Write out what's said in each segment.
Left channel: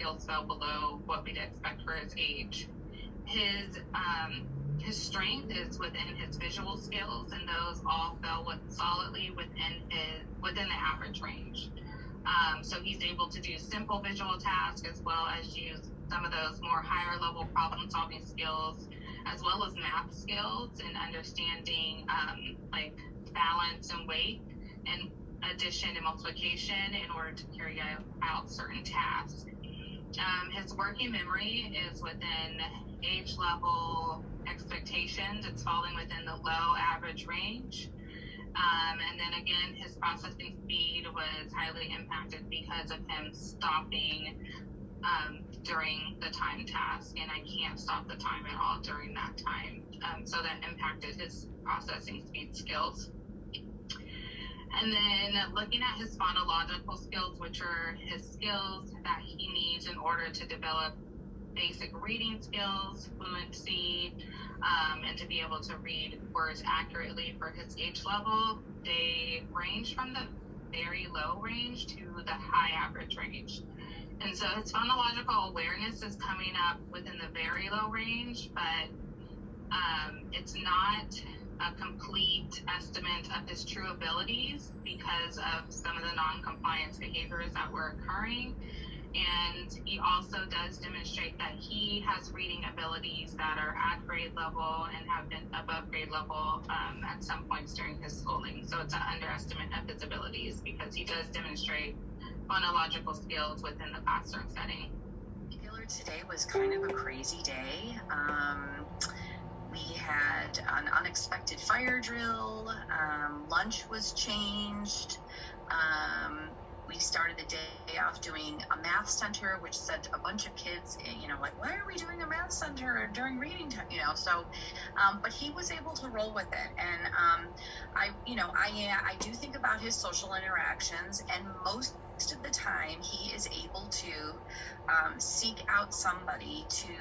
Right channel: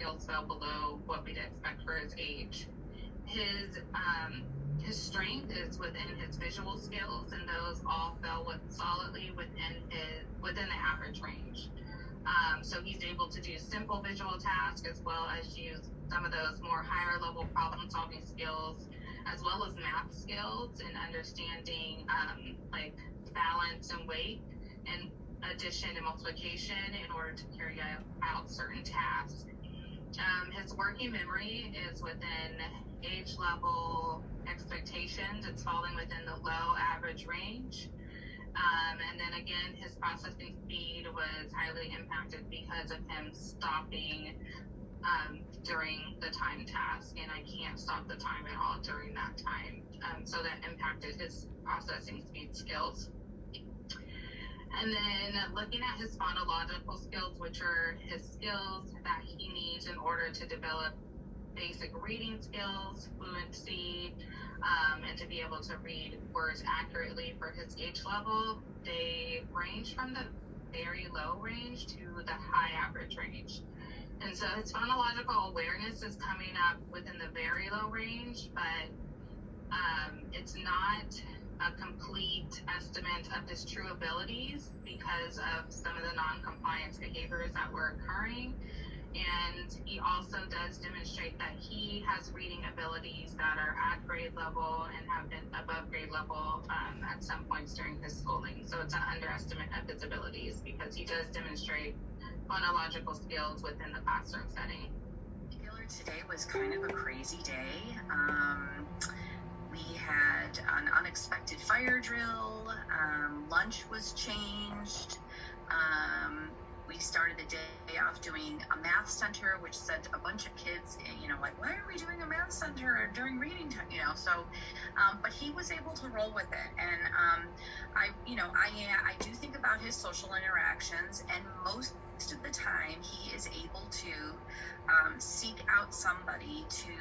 skills fell below what we'd expect for his age. His strength is within his visual skills, and those all fell solidly within the average range. So he's able to do simple visual tasks as well as use some of those more higher level problem solving skills, as well as math skills and understanding like balance and weight and addition and multiplication in order to carry out certain tasks. His working memory is within age level expectations. It's falling within the low average range. And then again, his processing speed was highly impacted because of him stopping during the time task, and I can't stop the time at all during that time. So that impacted his processing speed skills. And then looking at his phonological skills, which are his skills that he needs in order to develop basic reading skills, fluency, and to be able to read words accurately for his age level, they range from the very low range to the high average range. And so his phonological awareness is coming up within the very low range, but it's not a complete estimate of his true abilities because of some of the non-compliance behaviors that were occurring. And he also does demonstrate that he has reading abilities that are at grade level and have been above grade level at some points during his schooling. So it's an underestimate of his abilities because he does demonstrate phonological skills within the classroom setting. Today was kind of a crazy day. We had an unexpected fire drill. Lunch was changed. We started the day off doing a math center, which sent a bunch of kids, like, why are we doing a math center during reading time? So, but he was able to roll with it. And I do think about his social interactions, and most of the time he is able to seek out somebody to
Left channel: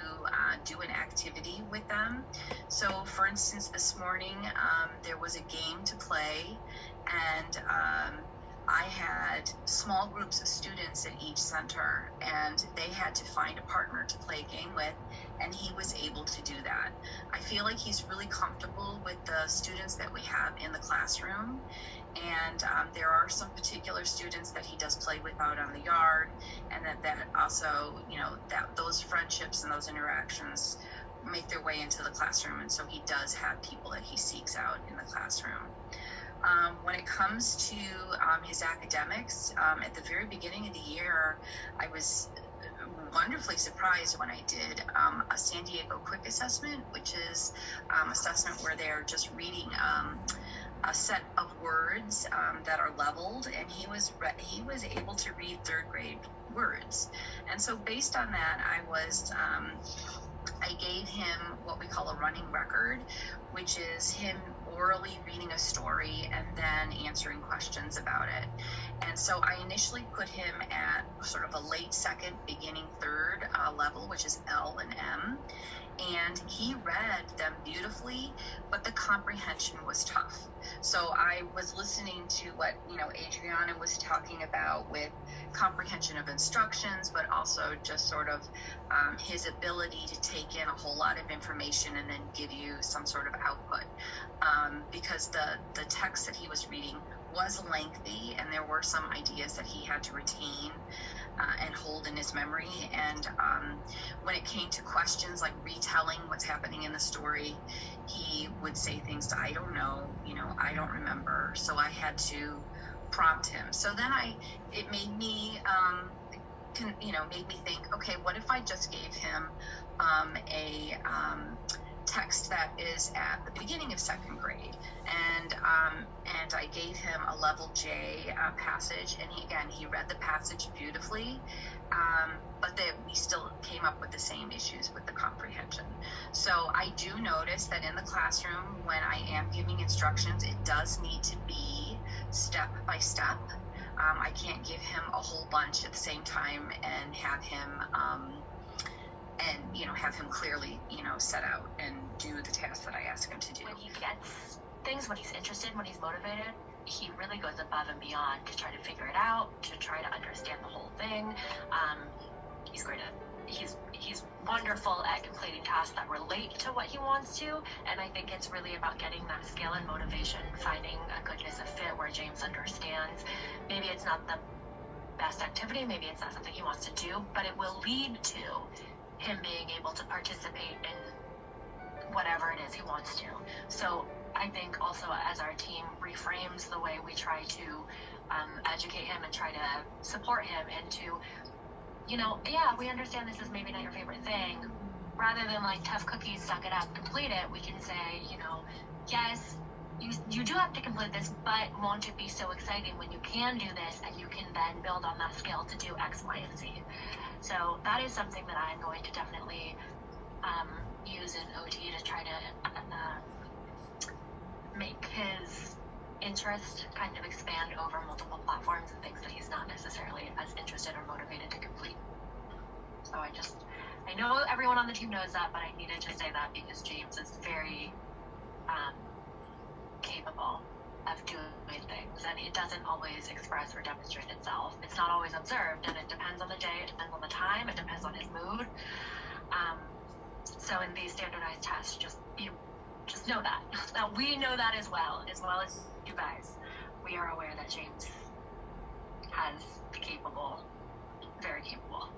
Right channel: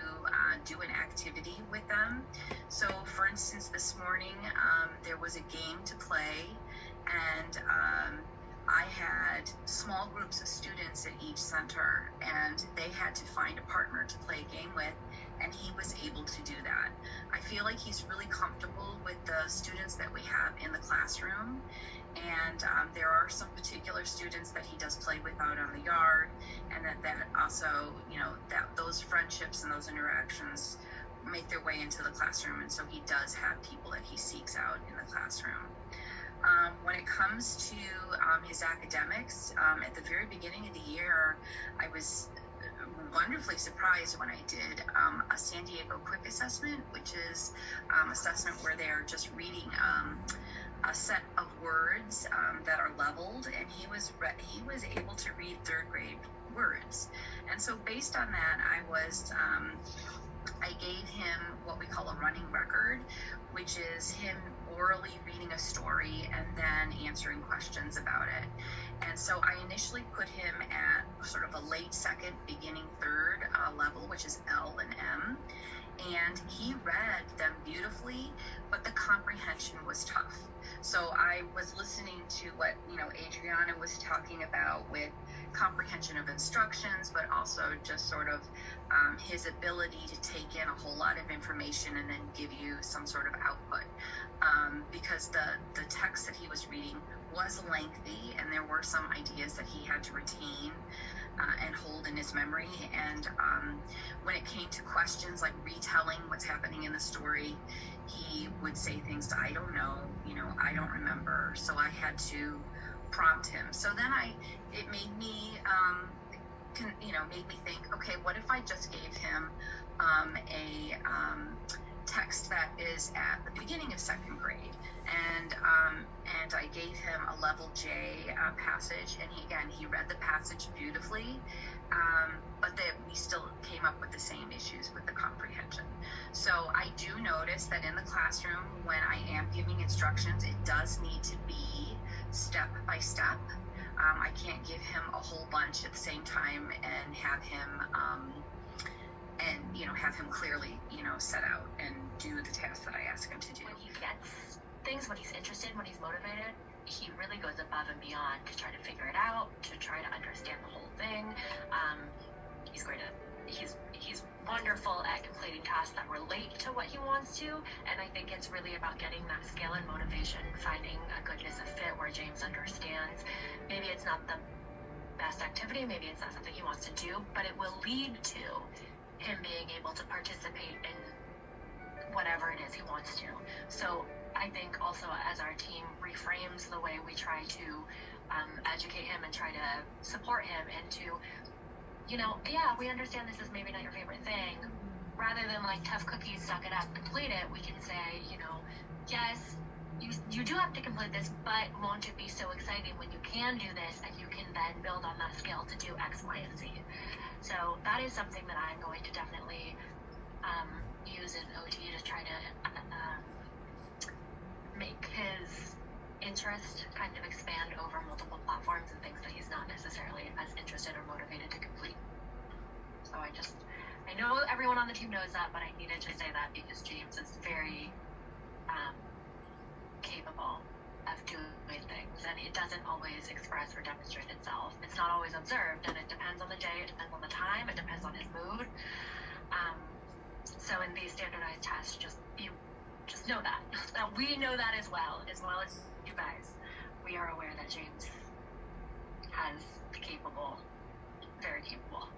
do an activity with them. So, for instance, this morning there was a game to play, and I had small groups of students at each center, and they had to find a partner to play a game with, and he was able to do that. I feel like he's really comfortable with the students that we have in the classroom, and there are some particular students that he does play with out on the yard, and that also, that those friendships and those interactions make their way into the classroom, and so he does have people that he seeks out in the classroom. When it comes to his academics, at the very beginning of the year, I was wonderfully surprised when I did a San Diego quick assessment, which is assessment where they're just reading a set of words that are leveled, and he was able to read third grade words. And so based on that, I gave him what we call a running record, which is him orally reading a story and then answering questions about it. And so I initially put him at sort of a late second, beginning third level, which is L and M. And he read them beautifully, but the comprehension was tough. So I was listening to what, Adriana was talking about with comprehension of instructions, but also just sort of his ability to take in a whole lot of information and then give you some sort of output. Because the text that he was reading was lengthy, and there were some ideas that he had to retain and hold in his memory. And when it came to questions like retelling what's happening in the story, he would say things, I don't know, I don't remember. So I had to prompt him. So then it made me think, okay, what if I just gave him a text that is at the beginning of second grade, and I gave him a level J passage, and he read the passage beautifully, but that we still came up with the same issues with the comprehension. So I do notice that in the classroom, when I am giving instructions, it does need to be step by step. I can't give him a whole bunch at the same time and have him have him clearly, set out and do the task that I ask him to do. When he gets things, when he's interested, when he's motivated, he really goes above and beyond to try to figure it out, to try to understand the whole thing. he's great at, he's wonderful at completing tasks that relate to what he wants to, and I think it's really about getting that skill and motivation, finding a goodness of fit where James understands maybe it's not the best activity, maybe it's not something he wants to do, but it will lead to him being able to participate in whatever it is he wants to. So I think also as our team reframes the way we try to educate him and try to support him into, you know, yeah, we understand this is maybe not your favorite thing. Rather than like tough cookies, suck it up, complete it, we can say, you know, yes, you do have to complete this, but won't it be so exciting when you can do this and you can then build on that skill to do X, Y, and Z. So that is something that I'm going to definitely use in OT to try to make his interest kind of expand over multiple platforms and things that he's not necessarily as interested or motivated to complete. So I know everyone on the team knows that, but I needed to say that because James is very capable of doing things, and it doesn't always express or demonstrate itself. It's not always observed, and it depends on the day, it depends on the time, it depends on his mood. So in these standardized tests, just know that. Now we know that as well as you guys. We are aware that James has very capable.